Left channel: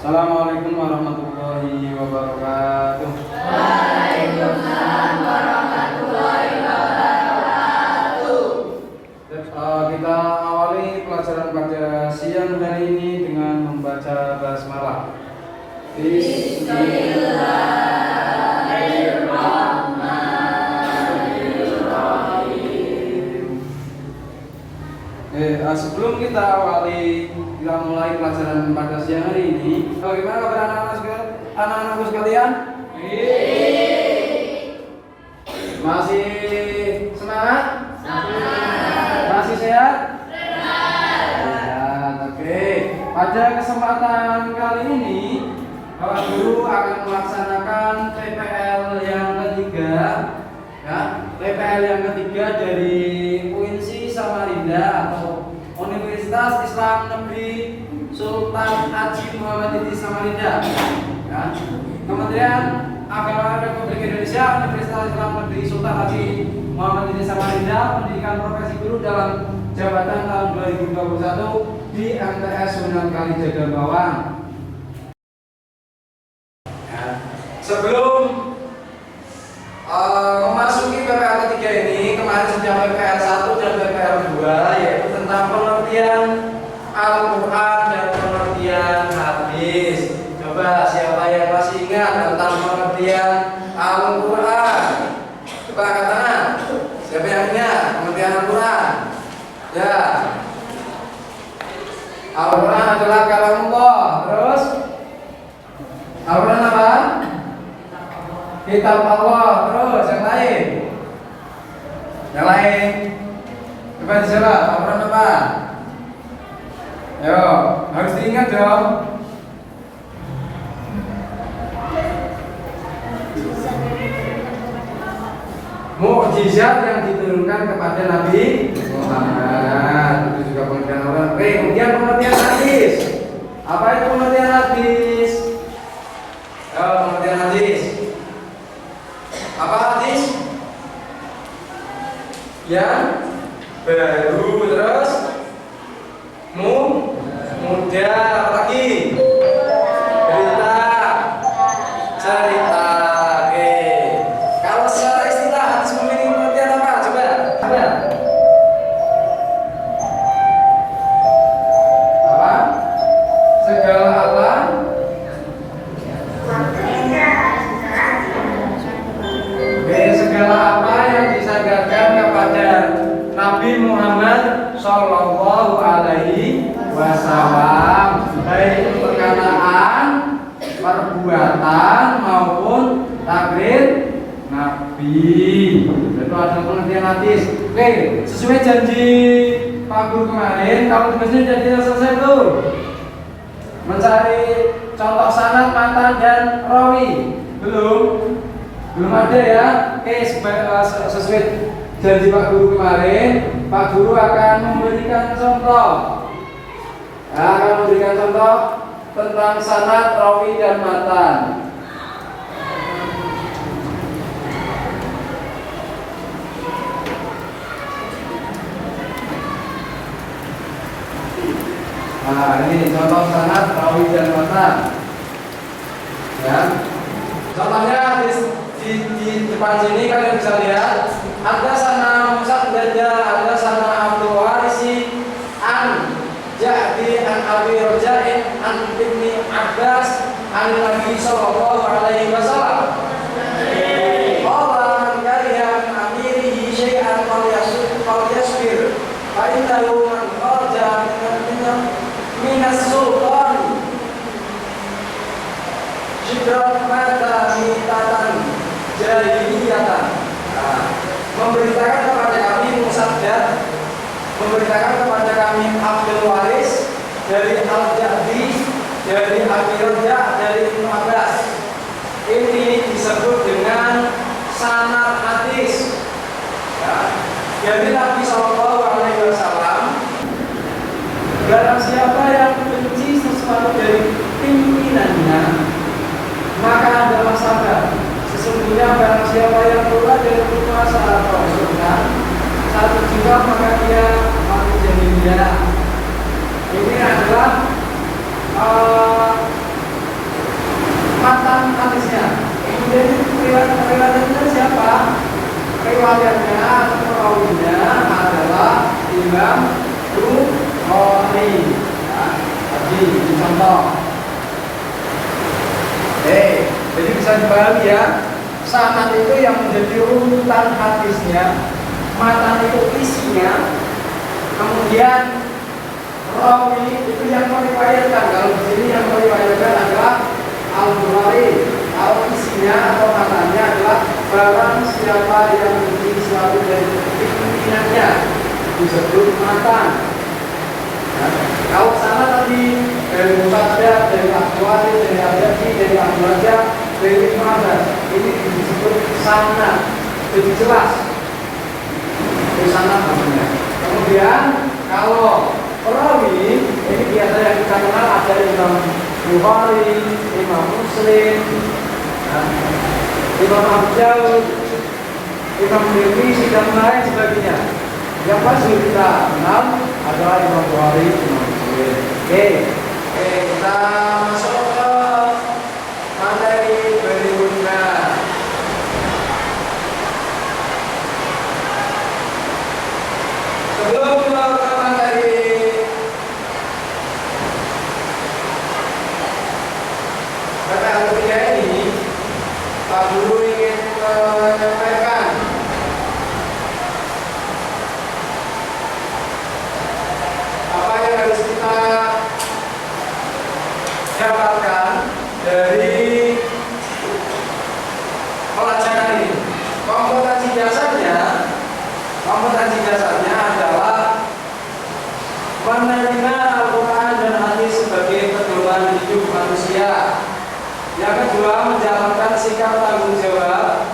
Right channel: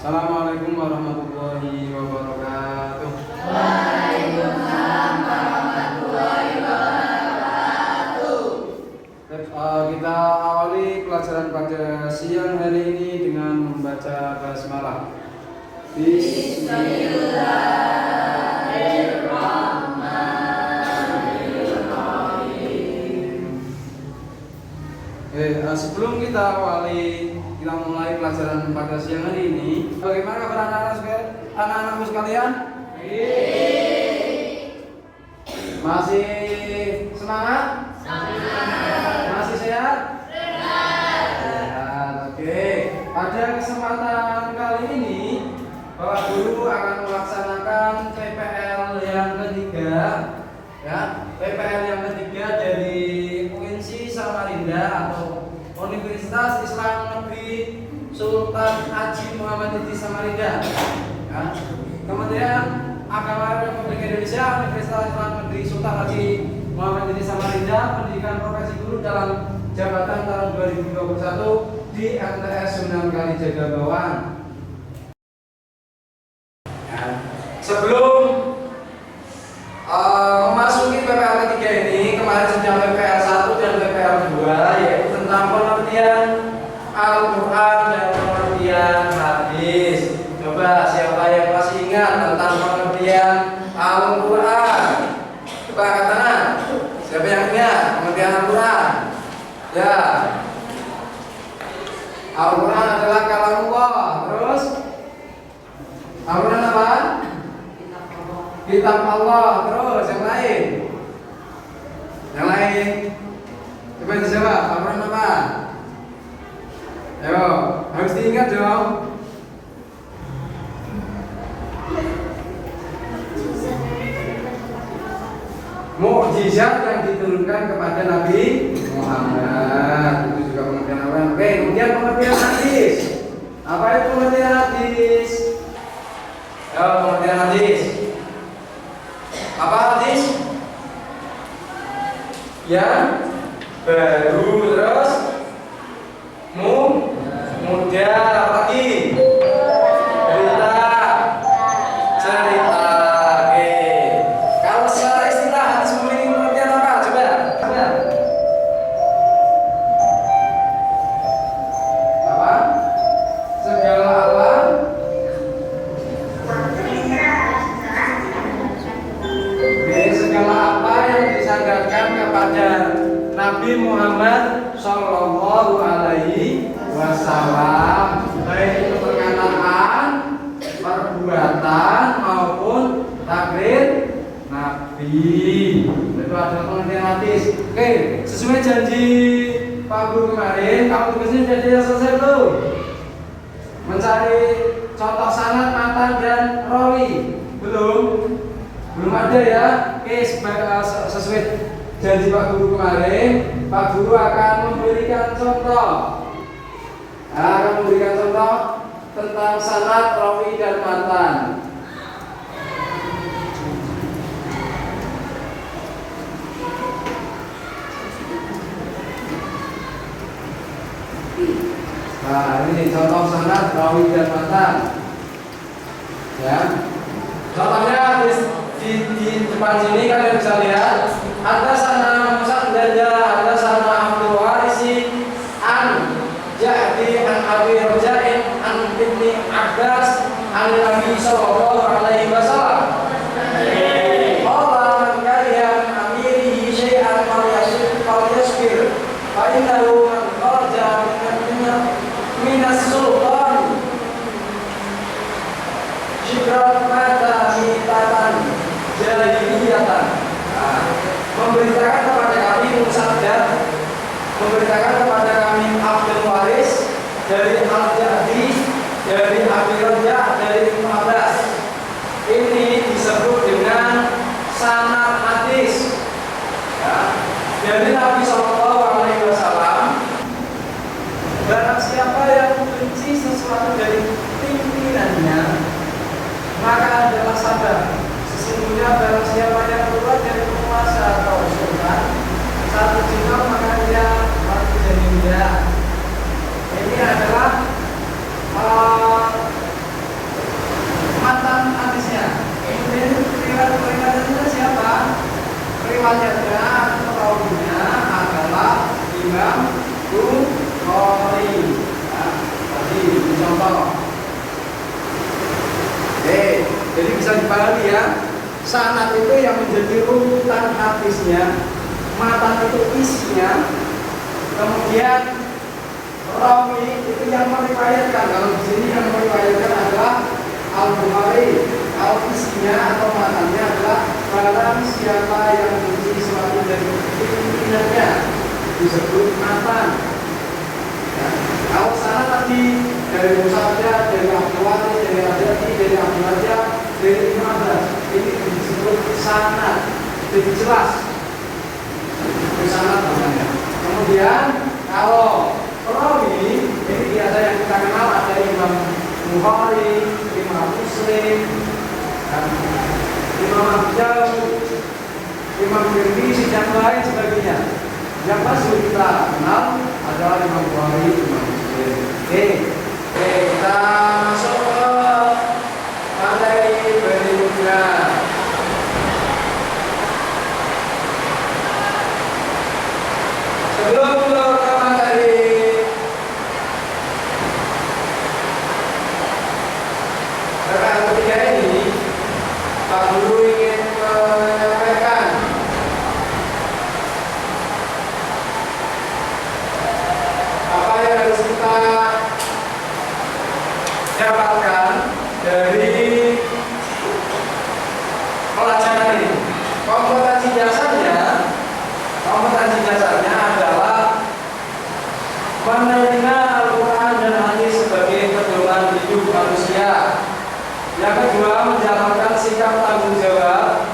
Assalamualaikum warahmatullahi wabarakatuh. Waalaikumsalam warahmatullahi wabarakatuh. Kita awali pelajaran pada siang hari ini dengan membaca basmalah. Bismillahirrahmanirrahim. Sebelum kita mulai pelajaran pada siang hari ini, bagaimana kabar anak-anakku sekalian? Masih semangat? Masih sehat? Sehat. Oke. Pada kesempatan kali ini, Bapak Guru akan melaksanakan TPL yang ketiga, ya. TPL yang ketiga dari UINSI Samarinda atau Universitas Islam Negeri Sultan Haji Muhammad Idris Samarinda, ya. Kementerian Agama Republik Indonesia, Universitas Islam Negeri Sultan Haji Muhammad Idris Samarinda, pendidikan profesi guru dalam jabatan tahun 2021 di MTS Sunan Kalijaga Bawang. Ya. Sebelum memasuki PPL ketiga ini, kemarin sudah PPL 1 dan PPL 2, yaitu tentang pengertian Al-Quran dan pengertian hadis. Coba siapa yang masih ingat tentang pengertian Al-Quran? Coba angkat tangan. Siapa yang ingat pengertian Al-Quran? Ya. Al-Quran adalah kalamullah. Terus Al-Quran apa? Kitab Allah. Terus yang lain? Yang lain? Coba dijawab. Al-Quran apa? Yo, harus diingat dong. Mukjizat yang diturunkan kepada Nabi Muhammad. Itu juga pengertian Allah. Oke, kemudian pengertian hadis. Apa itu pengertian hadis? Yo, pengertian hadis. Apa hadis? Yang baru, terus mudah, apa lagi? Cerita. Oke. Kalau secara istilah hadis memiliki pengertian apa? Coba. Apa? Segala apa? Oke, segala apa yang disandarkan kepada Nabi Muhammad Sallallahu Alaihi Wasallam, baik itu perkataan, perbuatan maupun takrir Nabi. Itu adalah pengertian hadis. Oke, sesuai janji Pak Guru kemarin, kalau tugasnya sudah selesai tuh, mencari contoh sanad, matan dan rawi. Belum ada ya. Oke, sesuai janji Pak Guru kemarin, Pak Guru akan memberikan contoh. Akan memberikan contoh tentang sanad, rawi dan matan. Nah, ini contoh sanad, rawi dan matan. Ya. Contohnya di depan sini kalian bisa lihat, ada sana Musa Danja, ada sana Abdul Warisi, an jadi an Abi Rojain, an Ibni Abbas, an Nabi Sallallahu Alaihi Wasallam. Allah mengkarihan amirihi syai'an falyasbir, fa innahu man kharaja minas sultan syibrat mata mitatan jahiliyatan. Memberitakan kepada kami Musaddad, memberitakan kepada kami Abdul Waris dari Al-Ja'di, dari Abi Raja, dari Ibnu Abbas. Ini disebut dengan sanad hadis. Ya. Dari Nabi Sallallahu Alaihi Wasallam, barang siapa yang benci sesuatu dari pimpinannya, maka adalah sabar. Sesungguhnya barang siapa yang keluar dari penguasa atau sultan satu jiwa, maka dia mati jaminya. Ini adalah sanad itu yang menjadi runutan hadisnya, matan itu isinya, kemudian rawi itu yang meriwayatkan. Kalau di sini yang meriwayatkan adalah Al-Bukhari, isinya atau matannya adalah barang siapa yang memiliki suatu dari pimpinannya disebut matan. Kalau sana tadi dari Musaddad, dari Abu-Wali, dari Abdati, dari Abu Rajab, dari Ibnu Abbas, ini disebut sanad, lebih jelas. Itu sanad namanya. Kemudian kalau perawi ini biasa yang kita kenal ada Imam Bukhari, Imam Muslim, Imam Abu Daud, Imam Tirmidzi dan lain sebagainya. Yang masih kita kenal adalah Imam Bukhari, Imam Muslim. Oke, kita masuk ke materi berikutnya. Sebelum ke materi PPL ketiga ini, Pak Guru ingin menyampaikan apa yang harus kita dapatkan dari pelajaran ini. Kompetensi dasarnya adalah menerima Al-Quran dan hadis sebagai pedoman hidup manusia. Yang kedua, menjalankan sikap tanggung jawab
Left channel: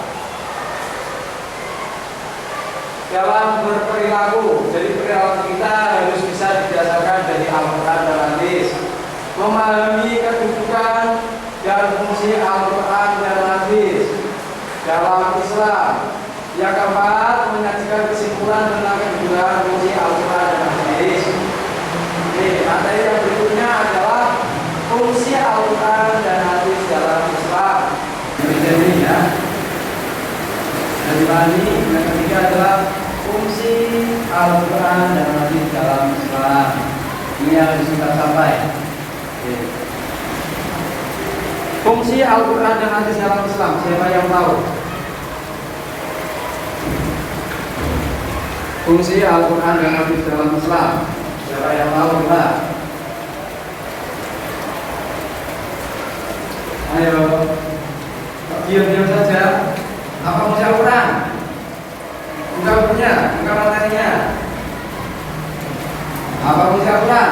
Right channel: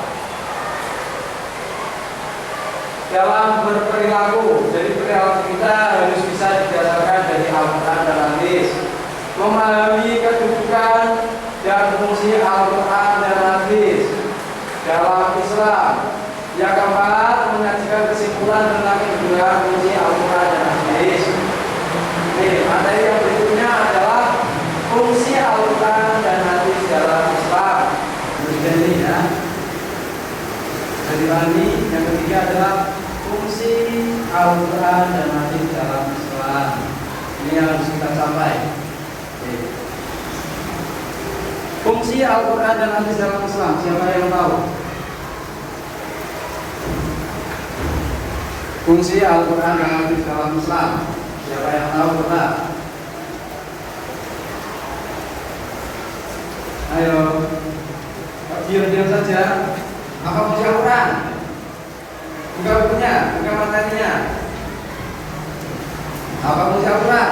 dalam berperilaku. Jadi perilaku kita harus bisa didasarkan dari Al-Quran dan hadis. Memahami kedudukan dan fungsi Al-Quran dan hadis dalam Islam. Yang keempat, menyajikan kesimpulan tentang kedudukan fungsi Al-Quran dan hadis. Nih, materi yang berikutnya adalah fungsi Al-Quran dan hadis dalam Islam. Ini ya. Jadi ini yang ketiga adalah fungsi Al-Quran dan hadis dalam Islam. Ini yang harus kita capai. Oke. Fungsi Al-Quran dan hadis dalam Islam, siapa yang tahu? Fungsi Al-Quran dan hadis dalam Islam, siapa yang tahu Pak? Ayo, diam-diam saja. Apa fungsi Al-Quran? Buka bukunya, buka materinya. Apa fungsi Al-Quran?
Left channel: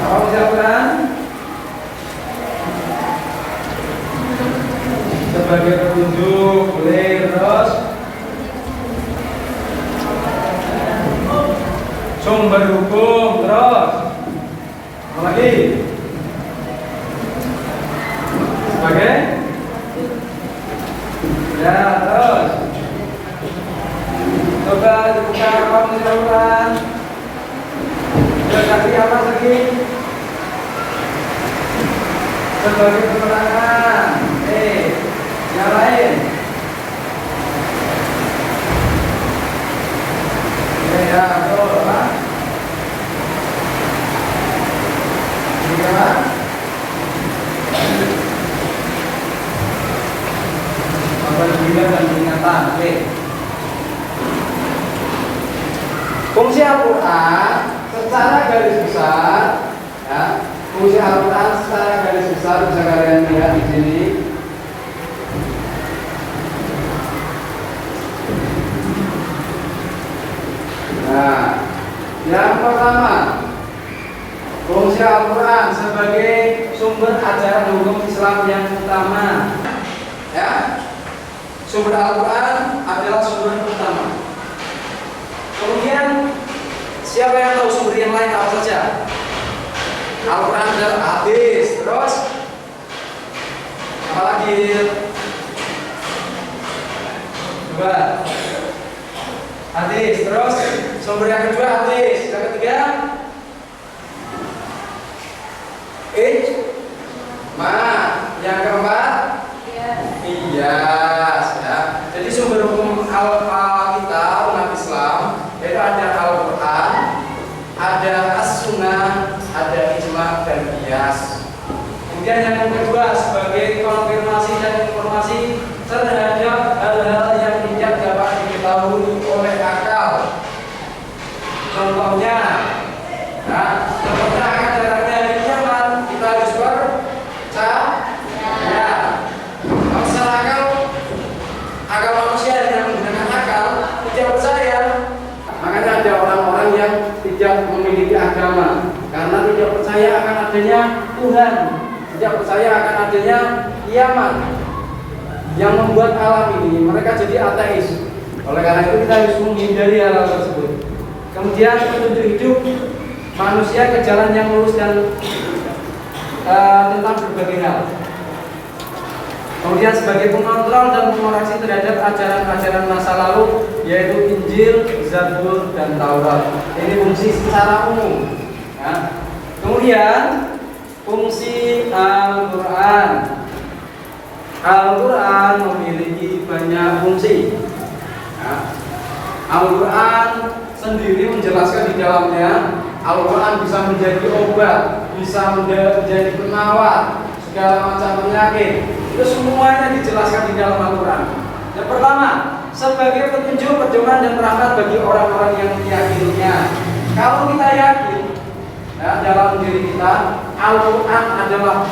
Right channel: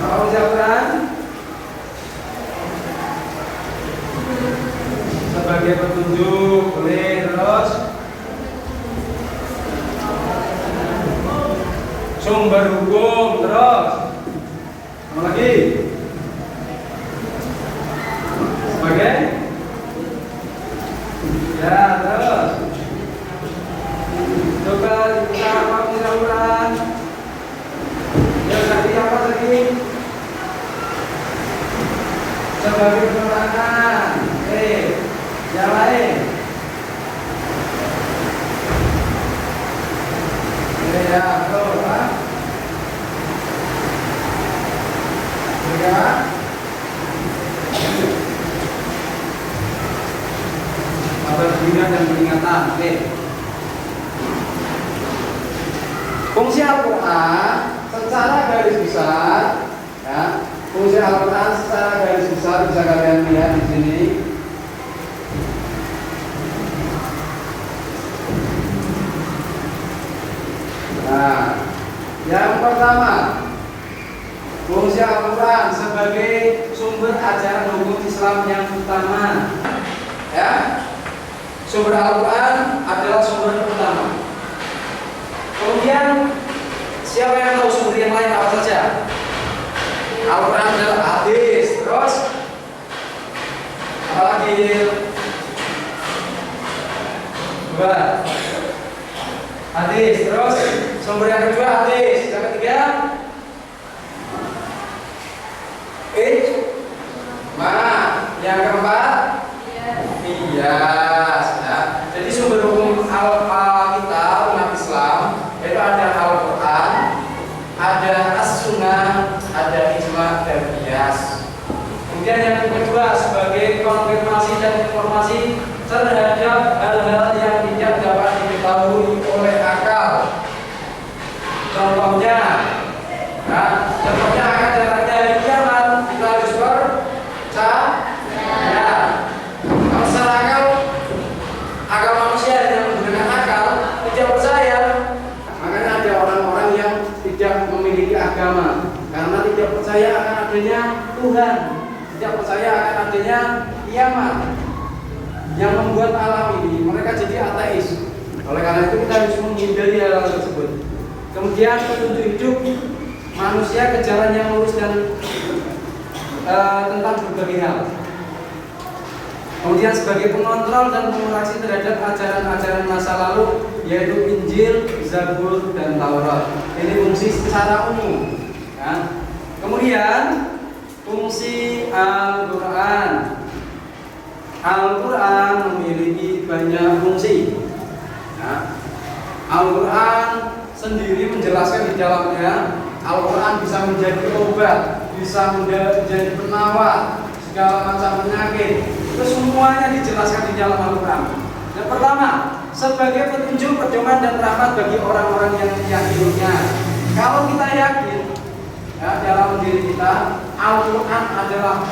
Apa fungsi Al-Quran? Sebagai petunjuk, terus sumber hukum, terus apa lagi? Sebagai ya, terus coba dibuka apa misalkan ya tadi apa lagi? Sebagai penerangan, yang lain ya, betul Pak. Ya, apabila dan peringatan. Fungsi Al-Quran secara garis besar, ya, fungsi Al-Quran secara garis besar bisa kalian lihat di sini. Nah, yang pertama, fungsi Al-Quran sebagai sumber ajaran hukum Islam yang utama. Ya, sumber Al-Quran adalah sumber utama. Kemudian, siapa yang tahu sumber yang lain apa saja? Al-Quran adalah hadis, terus apa lagi? Dua. Hadis, terus sumber yang kedua hadis, yang ketiga yang keempat qiyas, ya. Jadi sumber hukum kita umat Islam itu ada Al-Quran, ada As-Sunnah, ada ijma dan qiyas. Kemudian yang kedua, sebagai konfirmasi dan informasi terhadap hal-hal yang tidak dapat diketahui oleh akal. Contohnya, contohnya akan datangnya hari kiamat, kita harus percaya. Kalau secara akal manusia yang menggunakan akal tidak percaya. Makanya ada orang-orang yang tidak memiliki agama karena tidak percaya akan adanya Tuhan, tidak percaya akan adanya kiamat yang membuat alam ini. Mereka jadi ateis. Oleh karena itu kita harus menghindari hal tersebut. Kemudian petunjuk hidup manusia ke jalan yang lurus dan tentang berbagai hal. Kemudian sebagai pengontrol dan pengoreksi terhadap ajaran-ajaran masa lalu, yaitu Injil, Zabur, dan Taurat. Ini fungsi secara umum. Ya. Kemudian fungsi Al-Quran. Al-Quran memiliki banyak fungsi. Ya. Al-Quran sendiri menjelaskan di dalamnya, Al-Quran bisa menjadi obat, bisa menjadi penawar segala macam penyakit. Itu semuanya dijelaskan di dalam Al-Quran. Yang pertama, sebagai petunjuk, pedoman, dan rahmat bagi orang-orang yang meyakininya. Kalau kita yakin dalam diri kita Al-Quran adalah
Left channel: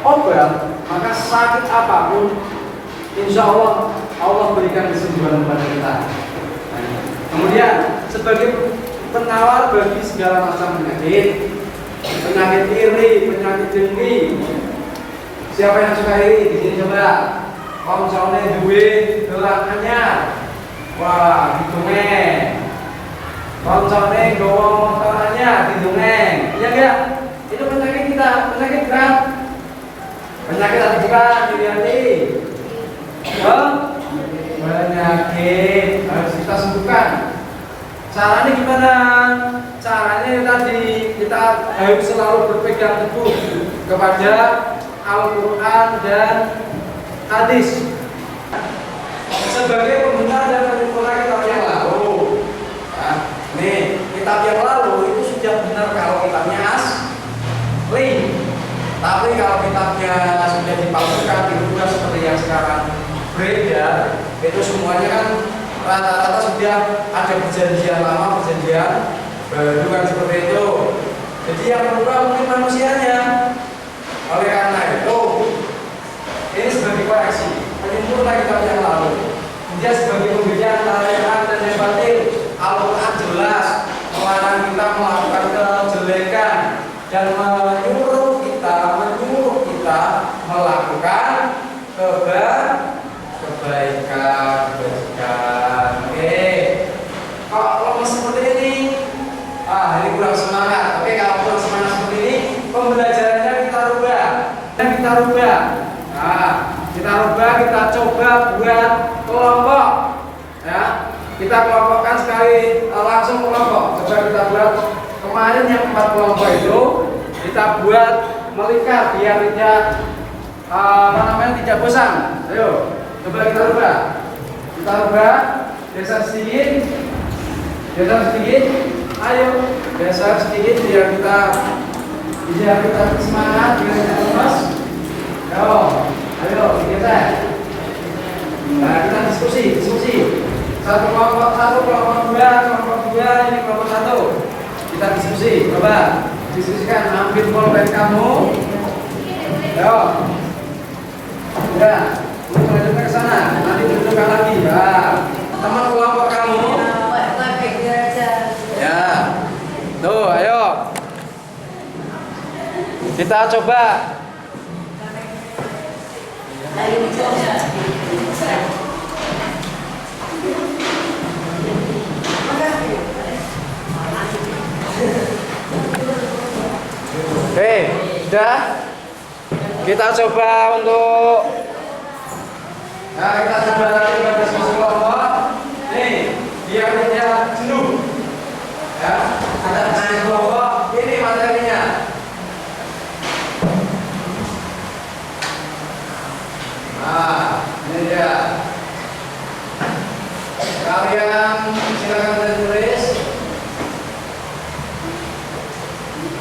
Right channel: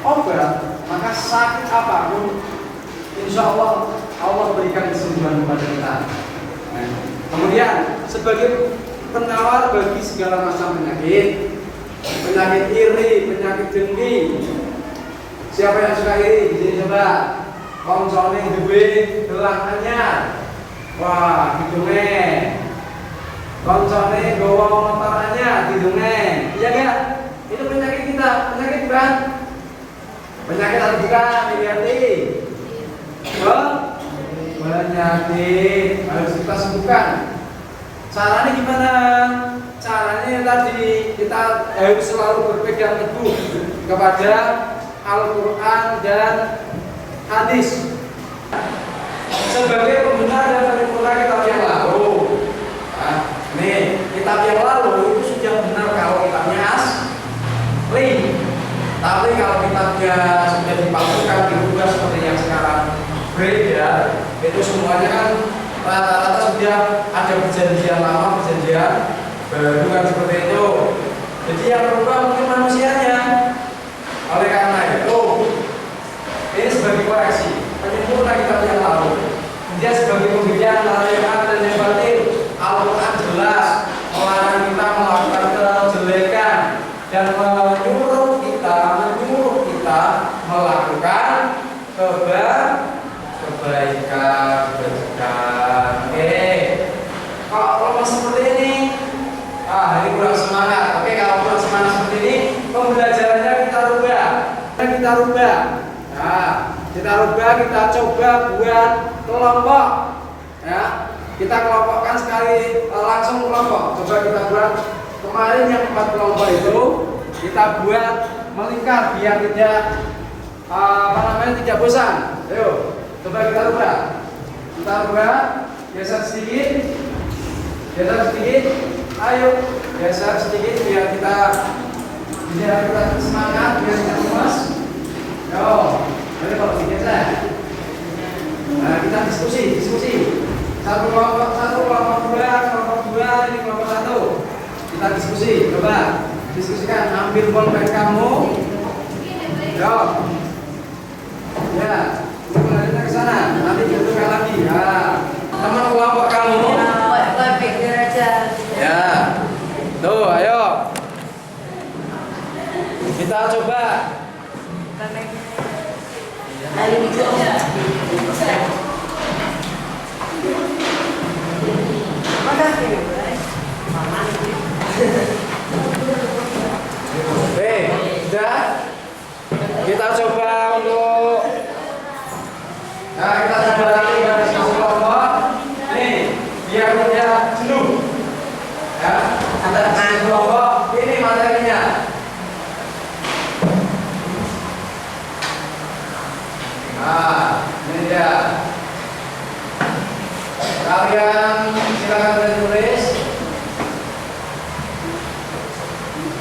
obat, maka sakit apapun insya Allah Allah berikan kesembuhan kepada kita. Kemudian sebagai penawar bagi segala macam penyakit, penyakit iri, penyakit dengki. Siapa yang suka iri? Di sini coba. Koncone duwe gelang anyar. Wah, didongeng. Koncone nggawa motor anyar, didongeng. Iya enggak? Itu penyakit kita, penyakit berat. Penyakit apa bukan? Dilihat-lihat. Oh, penyakit harus kita sembuhkan. Caranya gimana? Caranya tadi kita harus selalu berpegang teguh kepada Al-Quran dan hadis. Sebagai pembenar dan penyempurna kitab yang lalu. Nah, nih, kitab yang lalu itu sudah benar kalau kitabnya asli. Tapi kalau kitabnya sudah dipalsukan, dirubah seperti yang sekarang beredar, itu semuanya kan rata-rata sudah ada perjanjian lama, perjanjian baru kan seperti itu. Jadi yang berubah mungkin manusianya. Oleh karena itu, ini sebagai koreksi, penyempurna kitab yang lalu. Kemudian sebagai pembedaan antara yang hak dan yang batil, Al-Quran jelas melarang kita melakukan kejelekan dan menyuruh kita melakukan kebaikan. Oke, kalau lemah seperti ini, ini kurang semangat. Oke, kalau kurang semangat seperti ini, pembelajarannya kita rubah. Nah, kita rubah, kita coba buat kelompok. Ya, kita kelompokkan sekali langsung kelompok. Coba kita buat kemarin yang 4 kelompok itu kita buat melingkar biar tidak tidak bosan. Ayo, coba kita rubah. Geser sedikit. Ayo, geser sedikit biar kita semangat, biar kita lemas. Ayo, geser. Nah, kita diskusi. Satu kelompok 2, ini kelompok 1. Kita diskusi, coba diskusikan, ambil pulpen kamu. Ayo. Ya, lu melanjutkan ke sana. Nanti tunjukkan lagi. Ya, teman kelompok kamu. Ya, tuh, ayo. Kita coba. Sudah. Kita coba untuk kita coba nanti berdiskusi kelompok. Nih, biar tidak jenuh. Ya, ada diskusi kelompok. Ini materinya. Nah, ini dia. Kalian silakan tulis.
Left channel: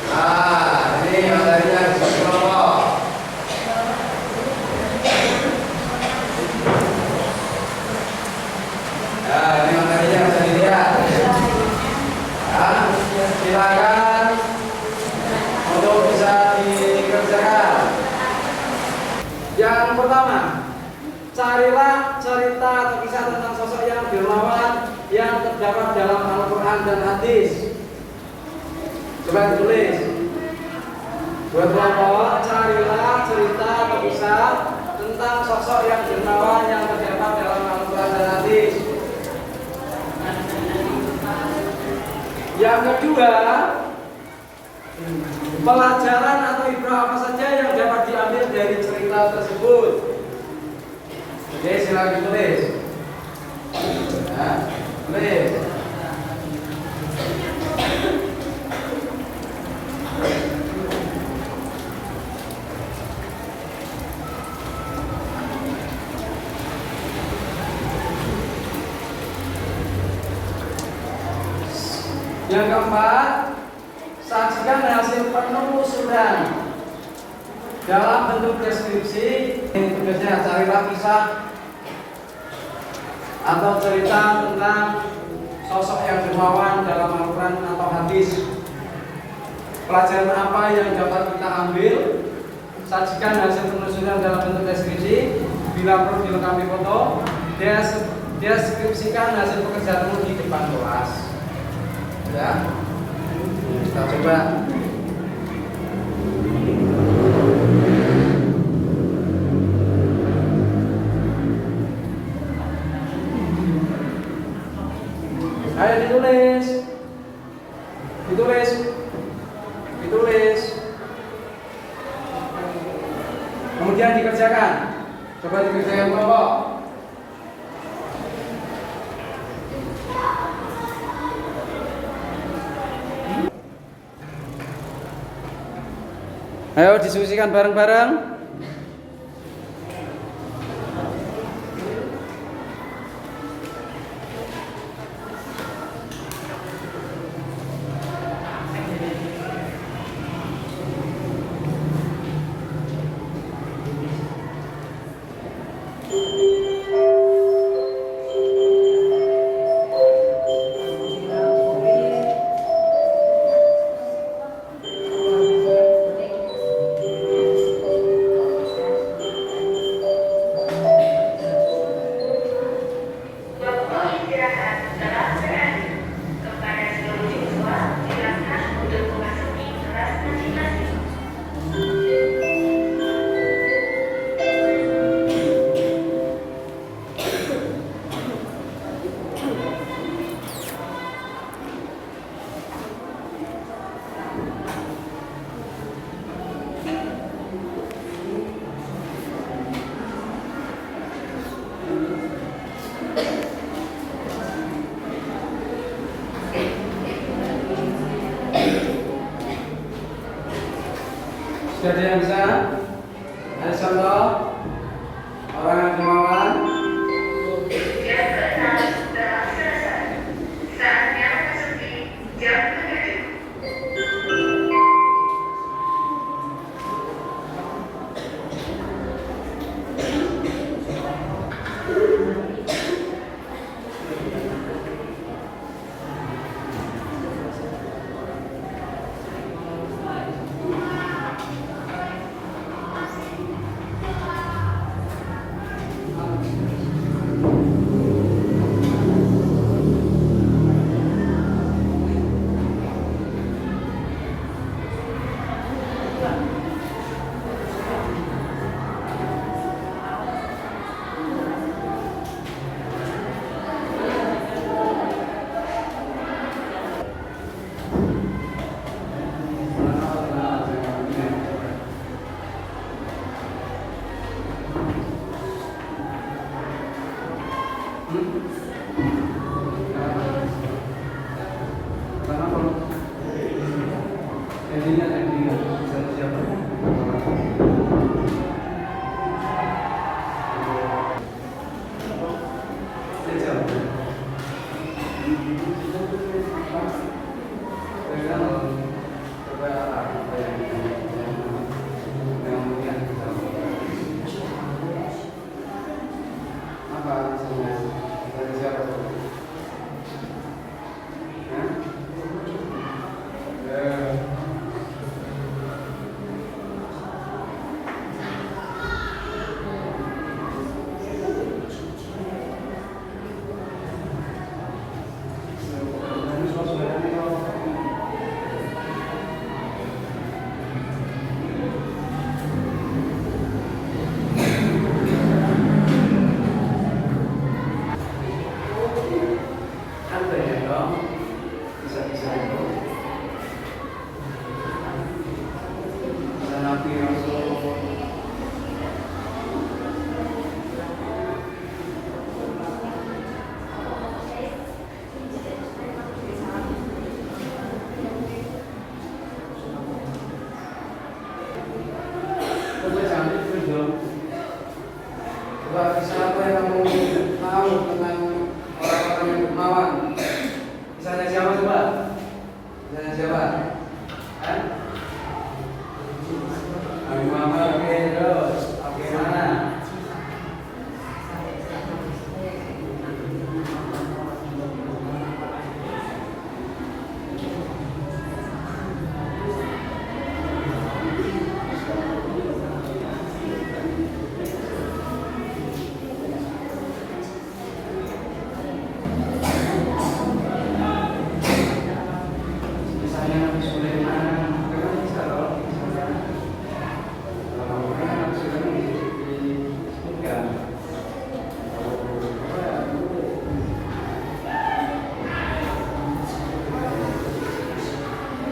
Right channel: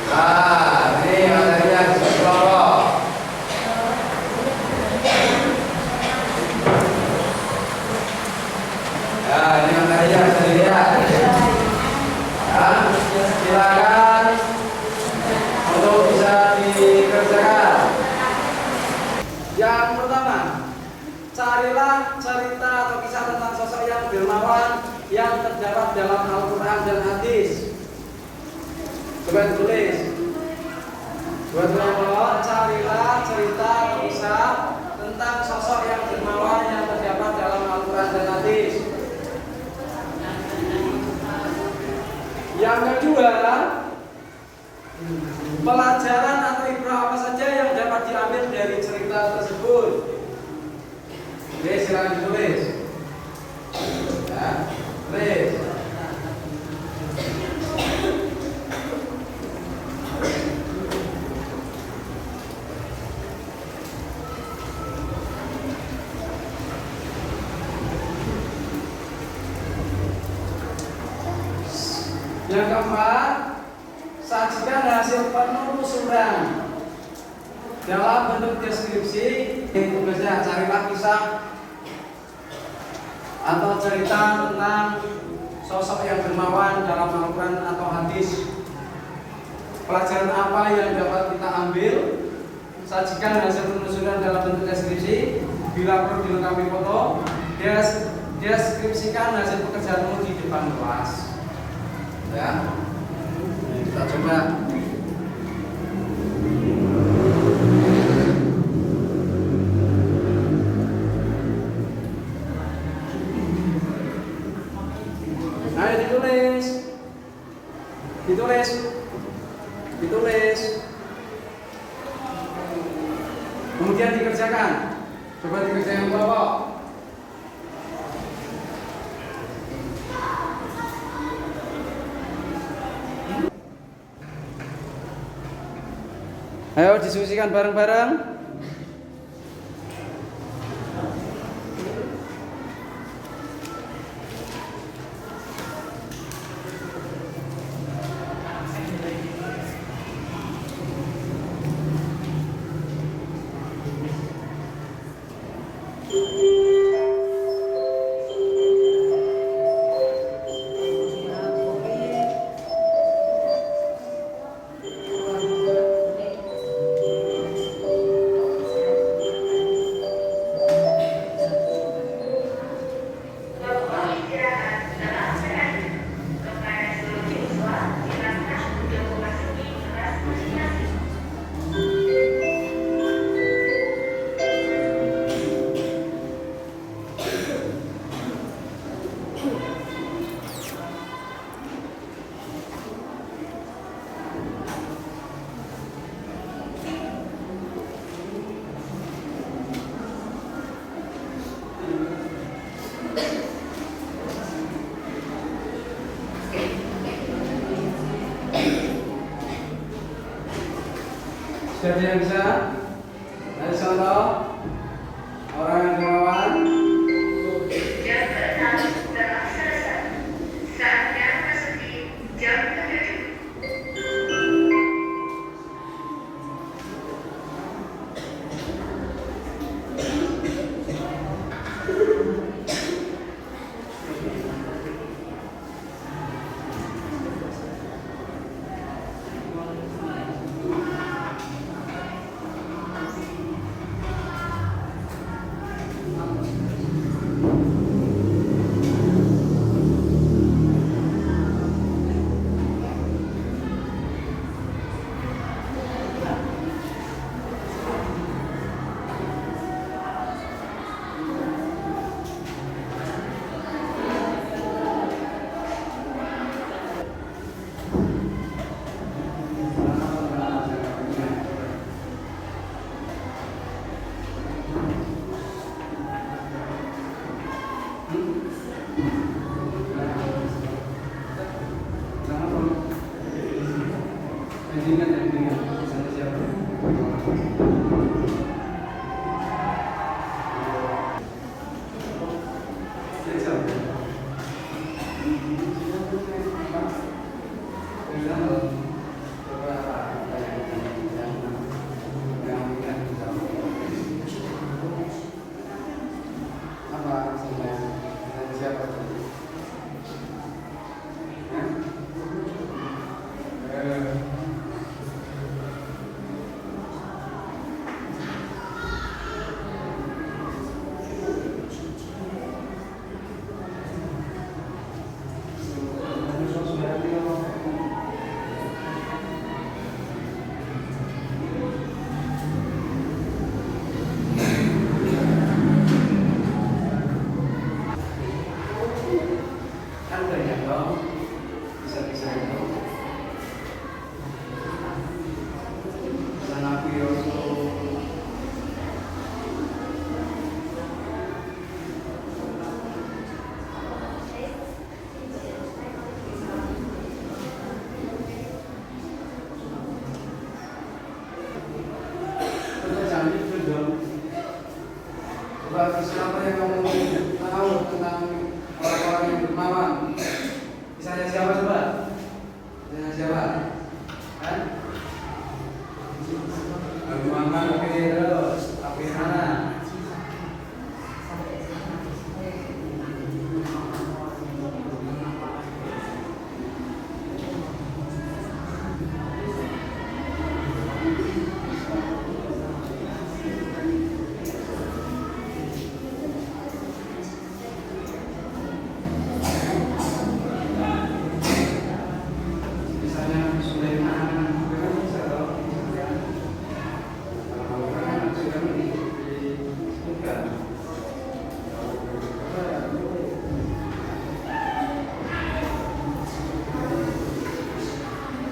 Nah, ini materinya diskusi kelompok. terdapat dalam Al-Quran dan hadis. Coba tulis. Buat kelompok, carilah cerita atau kisah tentang sosok yang dermawan yang terdapat dalam Al-Quran dan hadis. Yang kedua, pelajaran atau ibrah apa saja yang dapat diambil dari cerita tersebut. Oke, silakan ditulis. Ya, tulis. Yang keempat, sajikan hasil penelusuran dalam bentuk deskripsi. Tugasnya carilah kisah atau cerita tentang sosok yang dermawan dalam Al-Quran atau hadis. Pelajaran apa yang dapat kita ambil? Sajikan hasil penelusuran dalam bentuk deskripsi. Bila perlu dilengkapi foto, deskripsikan hasil pekerjaanmu di depan kelas. Ya, kita coba. Ayo ditulis, ditulis, ditulis. Kemudian dikerjakan. Coba dikerjakan kelompok. Ayo diskusikan bareng-bareng. Sudah ada yang bisa? Ada contoh orang yang dermawan? Jam 6 telah selesai. Saatnya memasuki jam 7.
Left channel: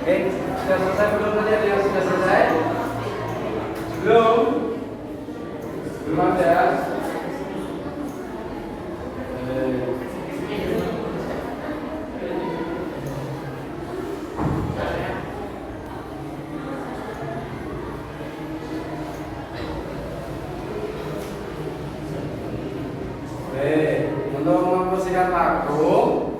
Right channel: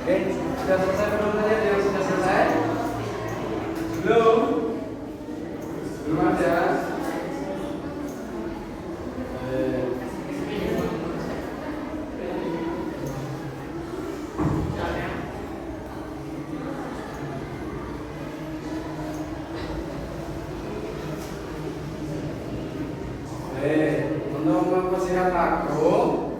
Oke, sudah selesai penontonnya yang sudah selesai? Belum? Belum ada? Untuk memposisikan makro,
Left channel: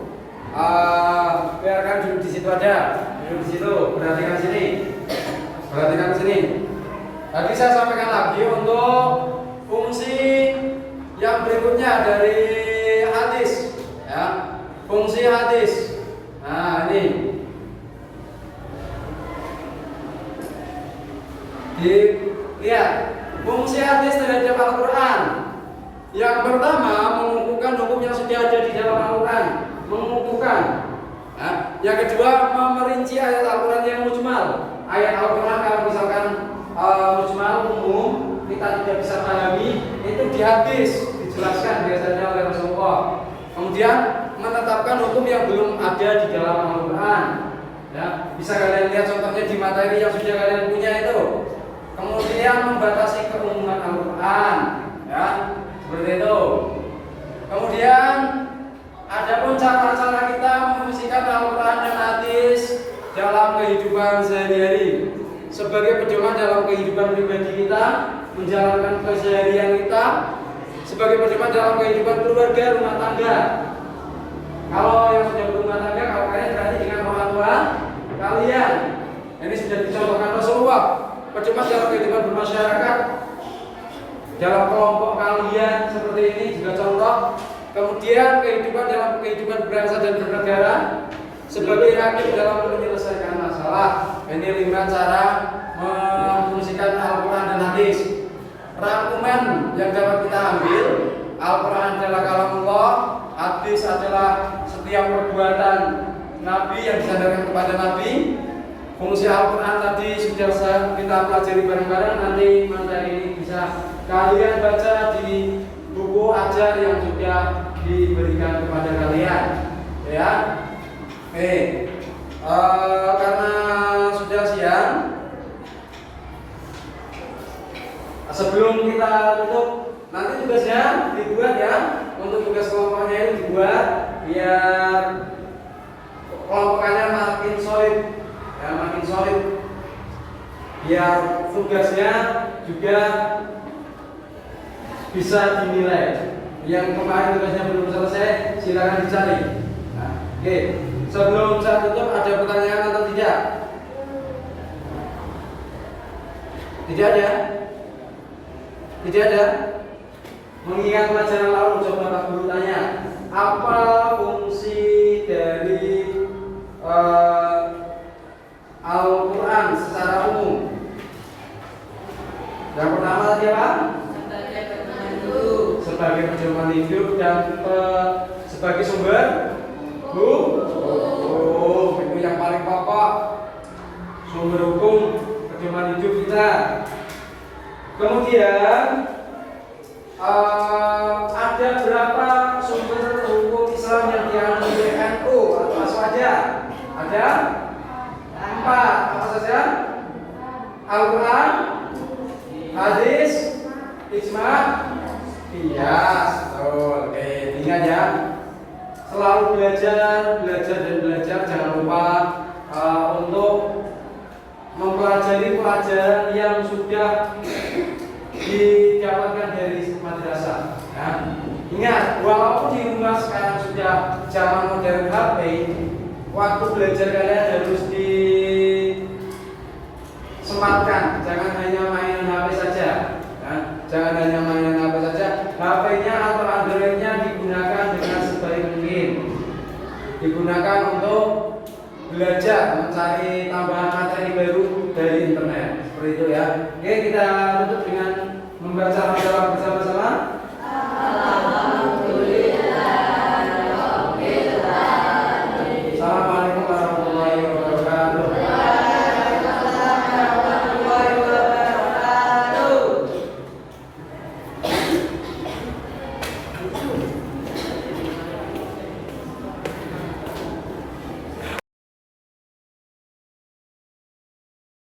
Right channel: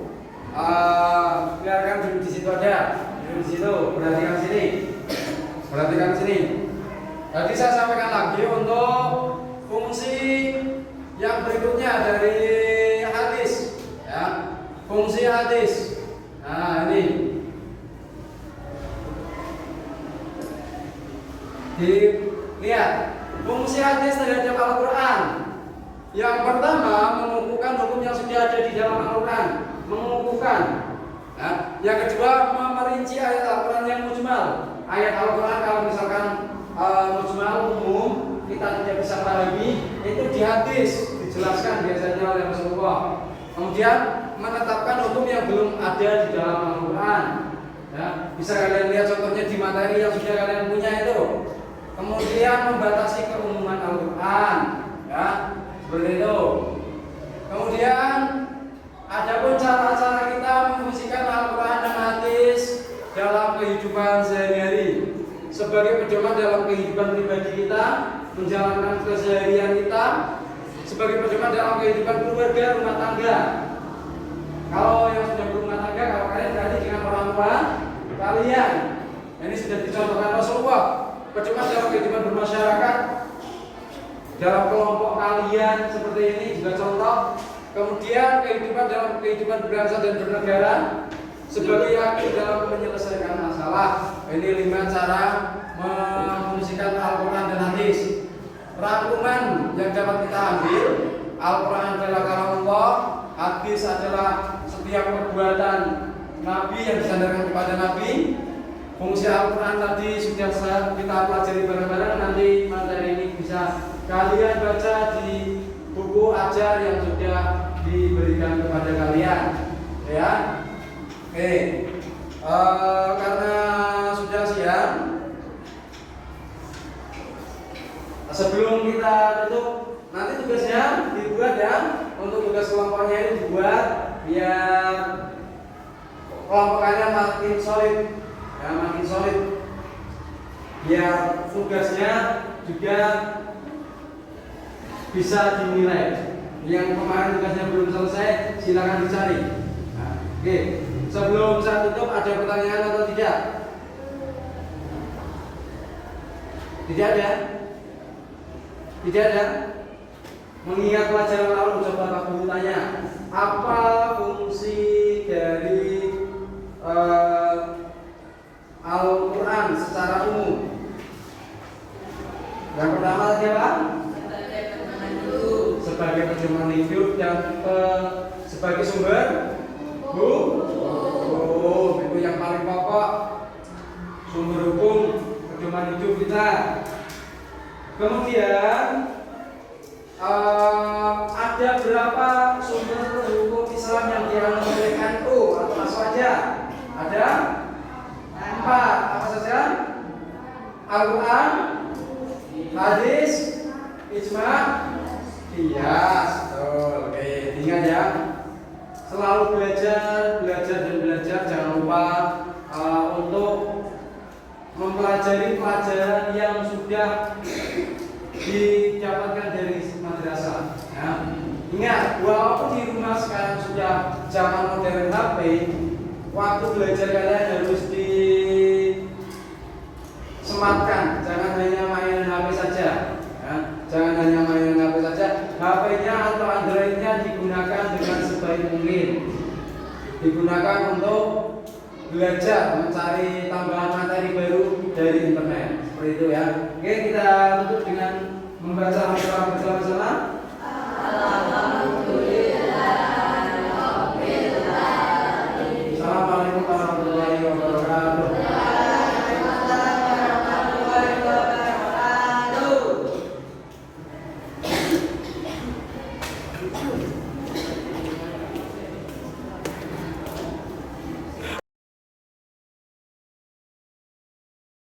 biarkan dulu di situ aja, dulu di situ. Perhatikan sini, perhatikan sini. Tadi saya sampaikan lagi untuk fungsi yang berikutnya dari hadis, ya. Fungsi hadis. Nah ini, lihat fungsi hadis terhadap Al-Quran. Yang pertama, mengukuhkan hukum yang sudah ada di dalam Al-Quran, mengukuhkan. Ya. Yang kedua, memerinci ayat Al-Quran yang mujmal. Ayat Al-Quran kalau misalkan mujmal umum kita tidak bisa pahami, itu di hadis dijelaskan biasanya oleh Rasulullah. Kemudian menetapkan hukum yang belum ada di dalam Al-Quran. Ya. Bisa kalian lihat contohnya di materi yang sudah kalian punya itu. Kemudian membatasi keumuman Al-Quran. Ya. Seperti itu. Kemudian ada pun cara-cara kita memfungsikan Al-Quran dan hadis dalam kehidupan sehari-hari sebagai pedoman dalam kehidupan pribadi kita, menjalankan keseharian kita, sebagai pedoman dalam kehidupan keluarga, rumah tangga. Kalau yang sudah berumah tangga, kalau kalian berarti dengan orang tua kalian. Ini sudah dicontohkan Rasulullah. Pedoman dalam kehidupan bermasyarakat, dalam kelompok kalian seperti ini juga contoh. Kemudian kehidupan dalam kehidupan berbangsa dan bernegara sebagai hakim dalam menyelesaikan masalah. Ini 5 cara memfungsikan Al-Quran dan hadis. Rangkuman yang dapat kita ambil, Al-Quran adalah kalamullah, hadis adalah setiap perbuatan Nabi yang disandarkan kepada Nabi. Fungsi Al-Quran tadi sudah kita pelajari bareng-bareng. Nanti materi ini bisa kalian baca di buku ajar yang sudah diberikan kepada kalian, ya. Oke, karena sudah siang, sebelum kita tutup, nanti tugasnya dibuat ya. Untuk tugas kelompoknya itu dibuat biar kelompokannya makin solid, ya, makin solid. Biar tugasnya juga bisa dinilai. Yang kemarin tugasnya belum selesai, silakan dicari. Nah, oke, sebelum saya tutup, ada pertanyaan atau tidak? Tidak ada? Tidak ada? Mengingat pelajaran lalu, coba Pak Guru tanya, apa fungsi dari Al-Quran secara umum? Yang pertama tadi apa? Sebagai pedoman hidup dan sebagai sumber hukum. Itu yang paling pokok, sumber hukum, pedoman hidup kita. Kemudian ada berapa sumber hukum Islam yang dianut oleh NU atau saja? Ada 4. Apa saja? Al-Quran, hadis, ijma', qiyas. Betul. Oke, ingat ya. Selalu belajar dan belajar. Jangan lupa untuk mempelajari pelajaran yang sudah didapatkan dari madrasah. Ya. Ingat, walaupun di rumah sekarang sudah zaman modern HP, waktu belajar kalian harus disempatkan. Jangan hanya main HP saja. Ya. Jangan hanya main HP saja. HP-nya atau Android-nya digunakan dengan sebaik mungkin. Digunakan untuk belajar, mencari tambahan materi baru dari internet. Seperti itu ya. Oke, kita tutup dengan membaca